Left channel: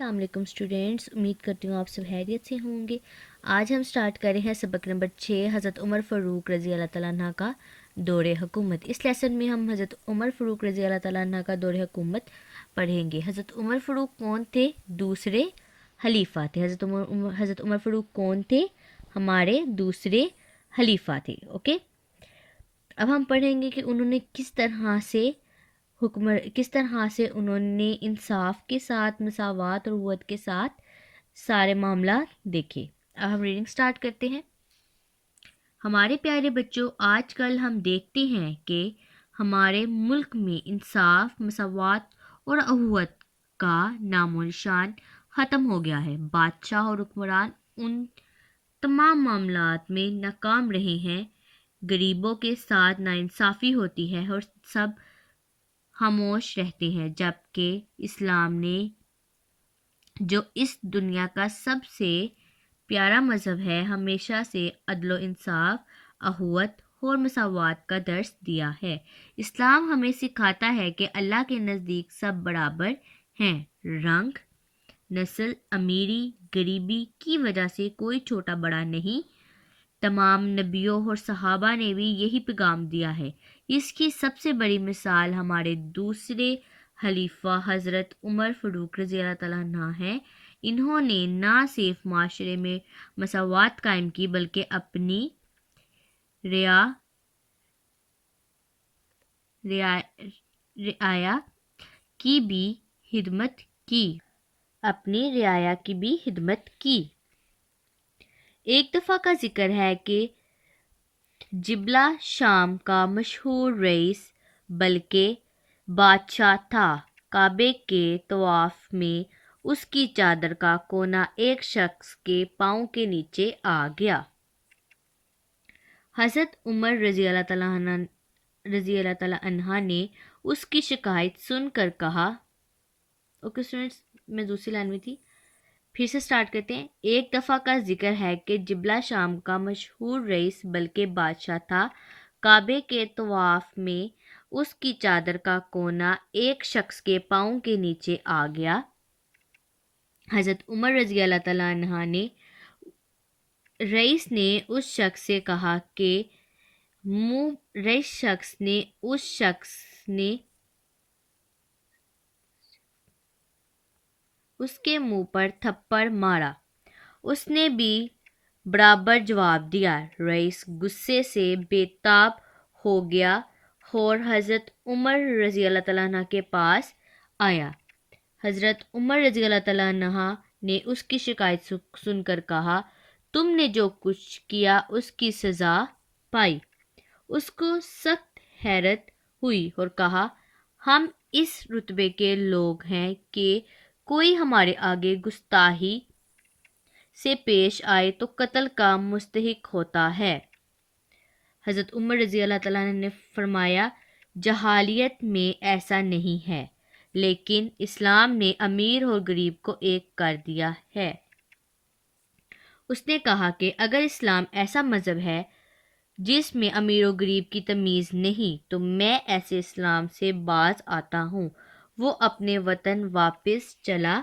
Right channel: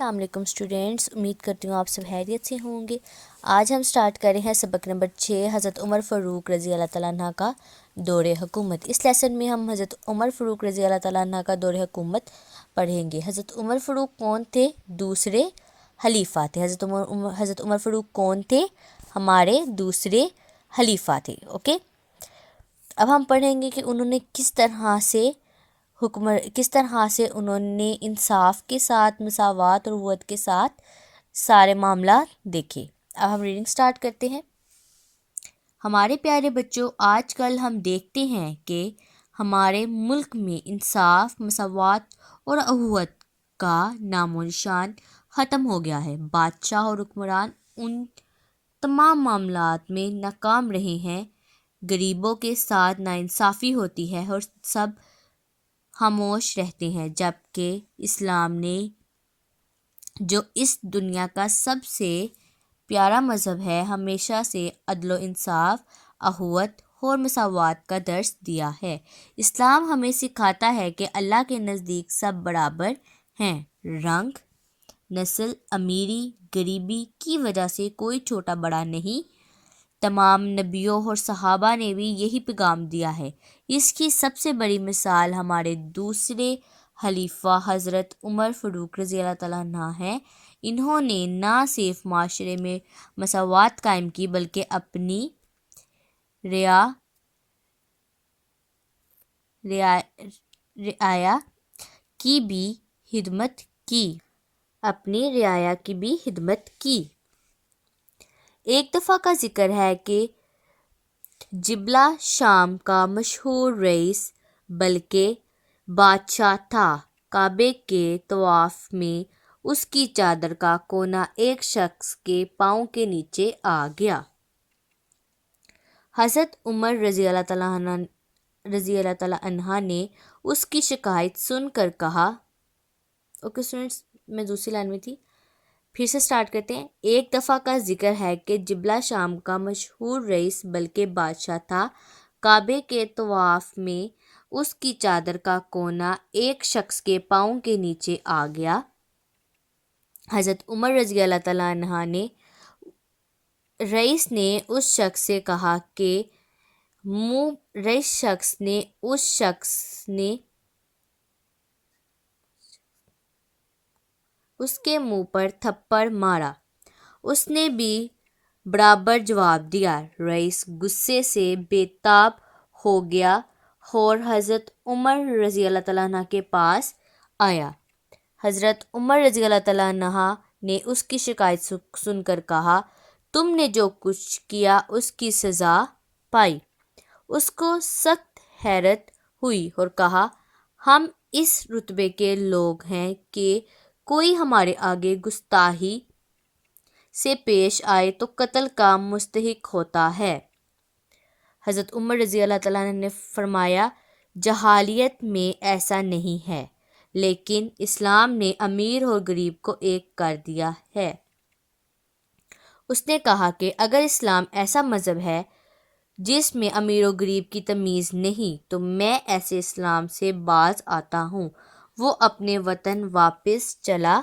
السلام علیکم اسٹوڈینٹس، امید کرتی ہوں آپ سب خیریت سے ہوں گے۔ آج ہم سٹارٹ کر رہے ہیں سبق نمبر 6 حضرت عمر فاروق رضی اللہ تعالیٰ عنہ کا دور حکومت۔ اس لیسن میں ہم حضرت عمر فاروق رضی اللہ تعالیٰ عنہ کا دور حکومت پڑھیں گے۔ حضرت عمر فاروق کون تھے؟ دوسرے خلیفہ تھے۔ حضرت عمر فاروق کون تھے؟ ہمارے دوسرے خلیفہ تھے۔ اوکے، اب ہم پڑھیں گے کہ انہوں نے کس طرح سے انہوں نے انصاف کے ساتھ، مساوات اور قوت کے ساتھ سارے معاملات دیکھے۔ اب ہم ریڈنگ سٹارٹ کرتے ہیں۔ ہمارے پیارے بچوں، آج کل ہم دیکھتے ہیں کہ ہمارے ملک میں انصاف، مساوات اور اخوت کا نام و نشان ختم ہو گیا ہے۔ بادشاہ اور حکمران ان تمام معاملات میں ناکام رہے ہیں۔ غریبوں کے ساتھ ناانصافی ہوتی ہے اور سب خاموش رہتے ہیں، جبکہ اسلام نے، جو اس دنیا کا سب سے پیارا مذہب ہے، ہمیشہ سے عدل و انصاف، اخوت اور مساوات کا درس دیا ہے۔ اسلام ہمیں سکھاتا ہے کہ اللہ کے نزدیک سب برابر ہیں۔ رنگ، نسل، امیری، غریبی کی وجہ سے کوئی چھوٹا بڑا نہیں۔ تمام نبیوں اور صحابہ نے بھی یہی پیغام دیا ہے۔ اس کی سب سے بڑی مثال ہمارے دوسرے خلیفہ حضرت عمر فاروق رضی اللہ تعالیٰ عنہ ہیں۔ انہوں نے نہ صرف معاشرے میں مساوات قائم کی بلکہ اپنی رعایا کی بھی خدمت کی۔ ایک دفعہ کا ذکر ہے کہ جبلہ شام کا مشہور رئیس بلکہ بادشاہ تھا۔ کعبے کے طواف میں اس کی چادر کا کونا ایک شخص کے پاؤں کے نیچے آ گیا۔ حضرت عمر رضی اللہ تعالیٰ عنہ نے اس کی شکایت سن کر کہا، اوکے اسٹوڈنٹس، میں دوسری لائن میں تھی، پھر سے سٹارٹ کرتے ہیں۔ ایک دفعہ کا ذکر ہے کہ جبلہ شام کا مشہور رئیس بلکہ بادشاہ تھا۔ کعبے کے طواف میں اس کی چادر کا کونا ایک شخص کے پاؤں کے نیچے آ گیا۔ حضرت عمر رضی اللہ تعالیٰ عنہ نے رئیس نے اس شخص سے کہا کہ اس کے منہ پر تھپڑ مارا۔ اس نے بھی برابر جواب دیا۔ رئیس غصے سے بے تاب ہو گیا اور حضرت عمر رضی اللہ تعالیٰ عنہ کے پاس آیا۔ حضرت عمر رضی اللہ تعالیٰ عنہ نے اس کی شکایت سن کر کہا، تم نے جو کچھ کیا اس کی سزا پائی۔ اس کو سخت حیرت ہوئی اور کہا، ہم اس رتبے کے لوگ ہیں کہ کوئی ہمارے آگے گستاخی سے پیش آئے تو قتل کا مستحق ہوتا ہے۔ حضرت عمر رضی اللہ تعالیٰ عنہ نے فرمایا، جاہلیت میں ایسا نہیں ہے، لیکن اسلام نے امیر اور غریب کو ایک کر دیا ہے۔ اس نے کہا کہ اگر اسلام ایسا مذہب ہے جس میں امیر و غریب کی تمیز نہیں تو میں ایسے اسلام سے باز آتا ہوں۔ وہ اپنے وطن واپس چلا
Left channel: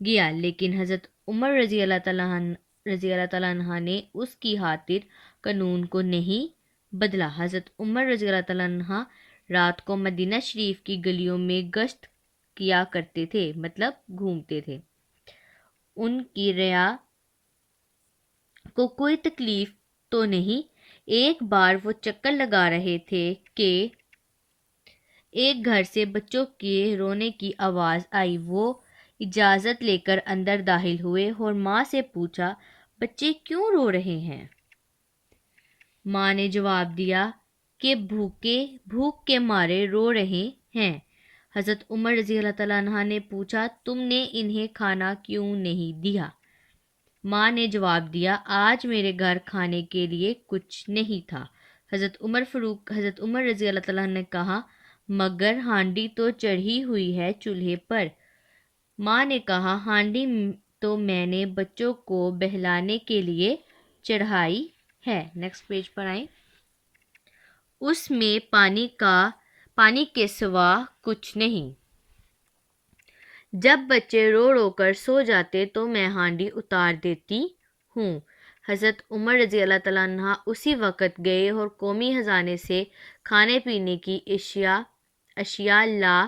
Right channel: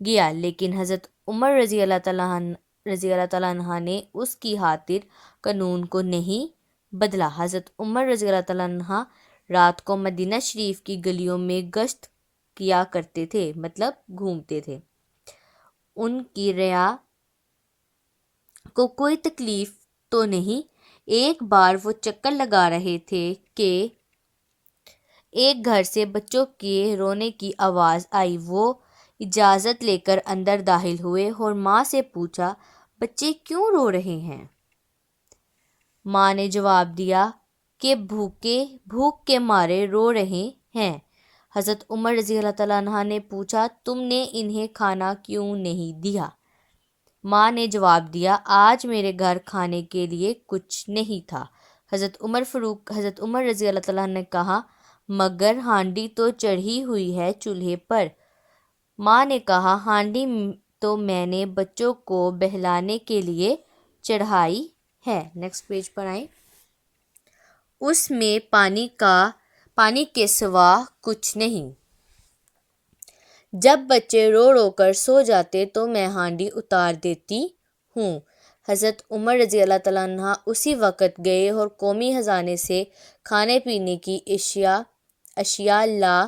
گیا، لیکن حضرت عمر رضی اللہ تعالیٰ عنہ نے اس کی خاطر قانون کو نہیں بدلا۔ حضرت عمر رضی اللہ تعالیٰ عنہ رات کو مدینہ شریف کی گلیوں میں گشت کیا کرتے تھے، مطلب گھومتے تھے۔ ان کی رعایا کو کوئی تکلیف تو نہیں۔ ایک بار وہ چکر لگا رہے تھے کہ ایک گھر سے بچوں کے رونے کی آواز آئی۔ وہ اجازت لے کر اندر داخل ہوئے اور ماں سے پوچھا، بچے کیوں رو رہے ہیں؟ ماں نے جواب دیا کہ بھوک کے مارے رو رہے ہیں۔ حضرت عمر رضی اللہ تعالیٰ عنہ نے پوچھا، تم نے انہیں کھانا کیوں نہیں دیا؟ ماں نے جواب دیا، آج میرے گھر کھانے کے لیے کچھ نہیں تھا۔ حضرت عمر رضی اللہ تعالیٰ نے کہا، مگر ہانڈی تو چڑھی ہوئی ہے چولہے پر۔ ماں نے کہا، ہانڈی تو میں نے بچوں کو بہلانے کے لیے چڑھائی ہے۔ نیکسٹ پیج پر آئیں۔ اس میں پانی کے سوا کچھ نہیں۔ جب بچے رو رو کر سو جاتے تو میں ہانڈی اتار دیتی ہوں۔ حضرت عمر رضی اللہ تعالیٰ عنہ اسی وقت گئے اور قومی خزانے سے کھانے پینے کی اشیاء لا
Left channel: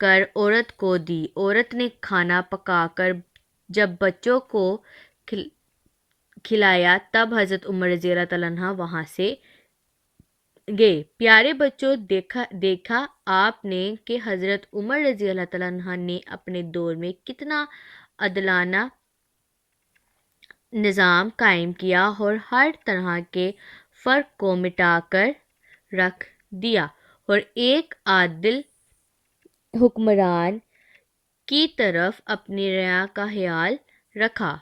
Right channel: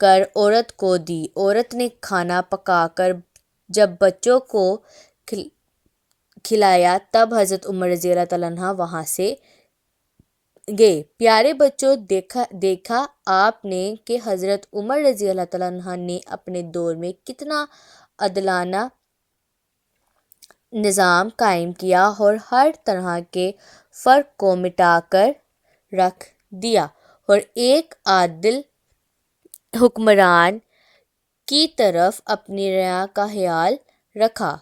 کر عورت کو دی۔ عورت نے کھانا پکا کر جب بچوں کو کھلایا تب حضرت عمر رضی اللہ تعالیٰ عنہ وہاں سے گئے۔ پیارے بچوں، دیکھا آپ نے کہ حضرت عمر رضی اللہ تعالیٰ عنہ نے اپنے دور میں کتنا عادلانہ نظام قائم کیا اور ہر طرح کے فرق کو مٹا کر رکھ دیا اور ایک عادل حکمران کی طرف اپنی رعایا کا خیال رکھا۔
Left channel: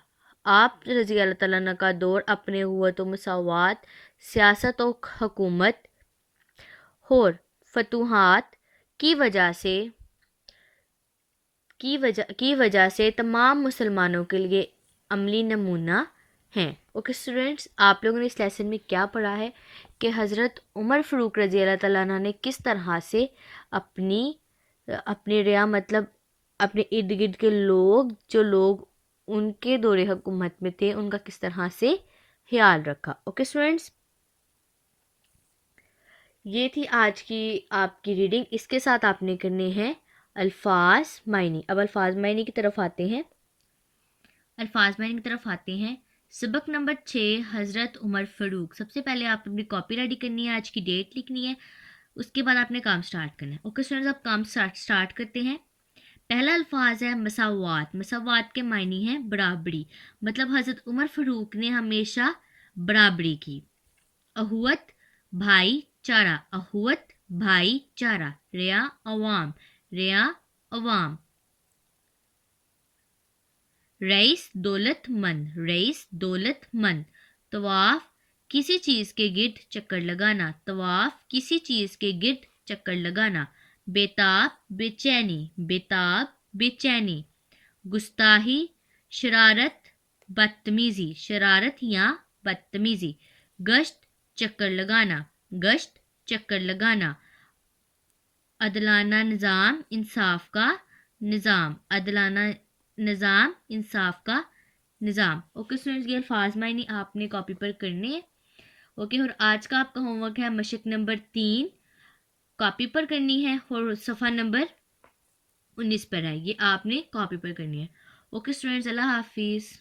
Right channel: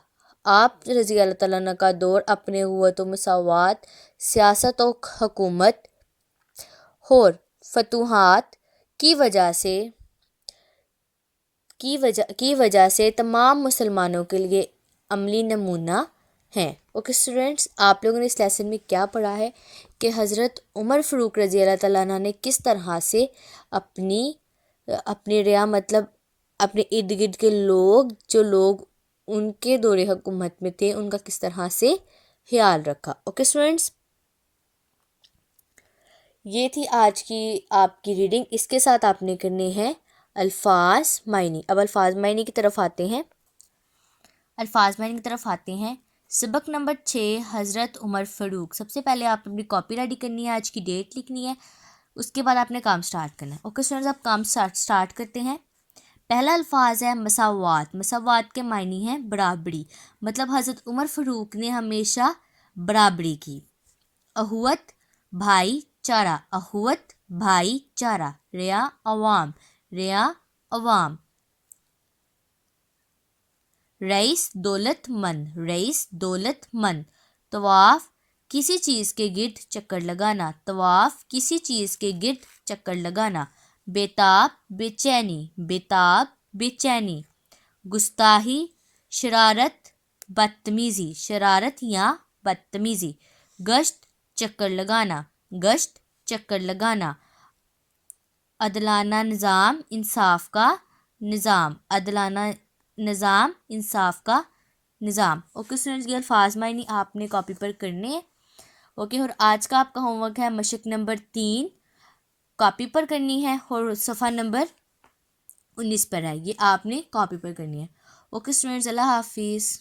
آپ رضی اللہ تعالیٰ عنہ کا دور اپنے قوت و مساوات، سیاست و حکومت اور فتوحات کی وجہ سے تمام مسلمانوں کے لیے عملی نمونہ ہیں۔ اوکے اسٹوڈینٹس، آپ لوگوں نے اس لیسن میں کیا پڑھا ہے کہ حضرت عمر فاروق رضی اللہ تعالیٰ عنہ نے کس طرح سے اپنی رعایا مطلب اپنے ارد گرد کے جو لوگ ان کے دور حکومت میں تھے ان کا کس طرح سے خیال رکھا۔ اوکے اسٹوڈینٹس، یہ تھی آج کی آپ کی ریڈنگ۔ اس کے ساتھ آپ نے کرنے ہیں الفاظ معنی۔ اب الفاظ معنی کی طرف آتے ہیں۔ سبق نمبر 6، حضرت عمر فاروق۔ سب سے پہلے آپ اپنی کاپی ریڈی کرنی ہے، آج کی ڈیٹ لکھنی ہے، اس کے بعد آپ نے کام سٹارٹ کرنا ہے۔ اوکے اسٹوڈنٹس، آپ کام سٹارٹ کرتے ہیں۔ پہلا الفاظ ہے مساوات۔ مساوات کے معنی ہیں برابری، مطلب حضرت عمر فاروق نے ہمیشہ برابری کی۔ اخوت بھائی چارہ، اخوت بھائی چارہ۔ ریا عوام، ریا عوام۔ رئیس دولت مند، رئیس دولت مند۔ طواف کسی چیز کے گرد چکر لگانا، طواف کسی چیز کے گرد چکر لگانا۔ بیتاب بے چینی، بیتاب بے چینی۔ گستاخی شرارت بدتمیزی، شرارت یا بدتمیزی۔ گشت چکر لگانا، گشت چکر لگانا۔ عدلانہ نظام انصاف کا نظام، عدلانہ نظام انصاف کا نظام۔ اوکے اسٹوڈنٹس، یہ الفاظ معنی آپ نے کاپی پر کرنے ہیں۔ اوکے، اور آج کا آپ کا ہوم ورک ہے مشق نمبر 3، کاپی پر کرنی ہے اور صفحہ نمبر 19 پر ہے، یہ آپ نے کاپی پر کرنی ہے۔ اوکے اسٹوڈنٹس، اللہ حافظ۔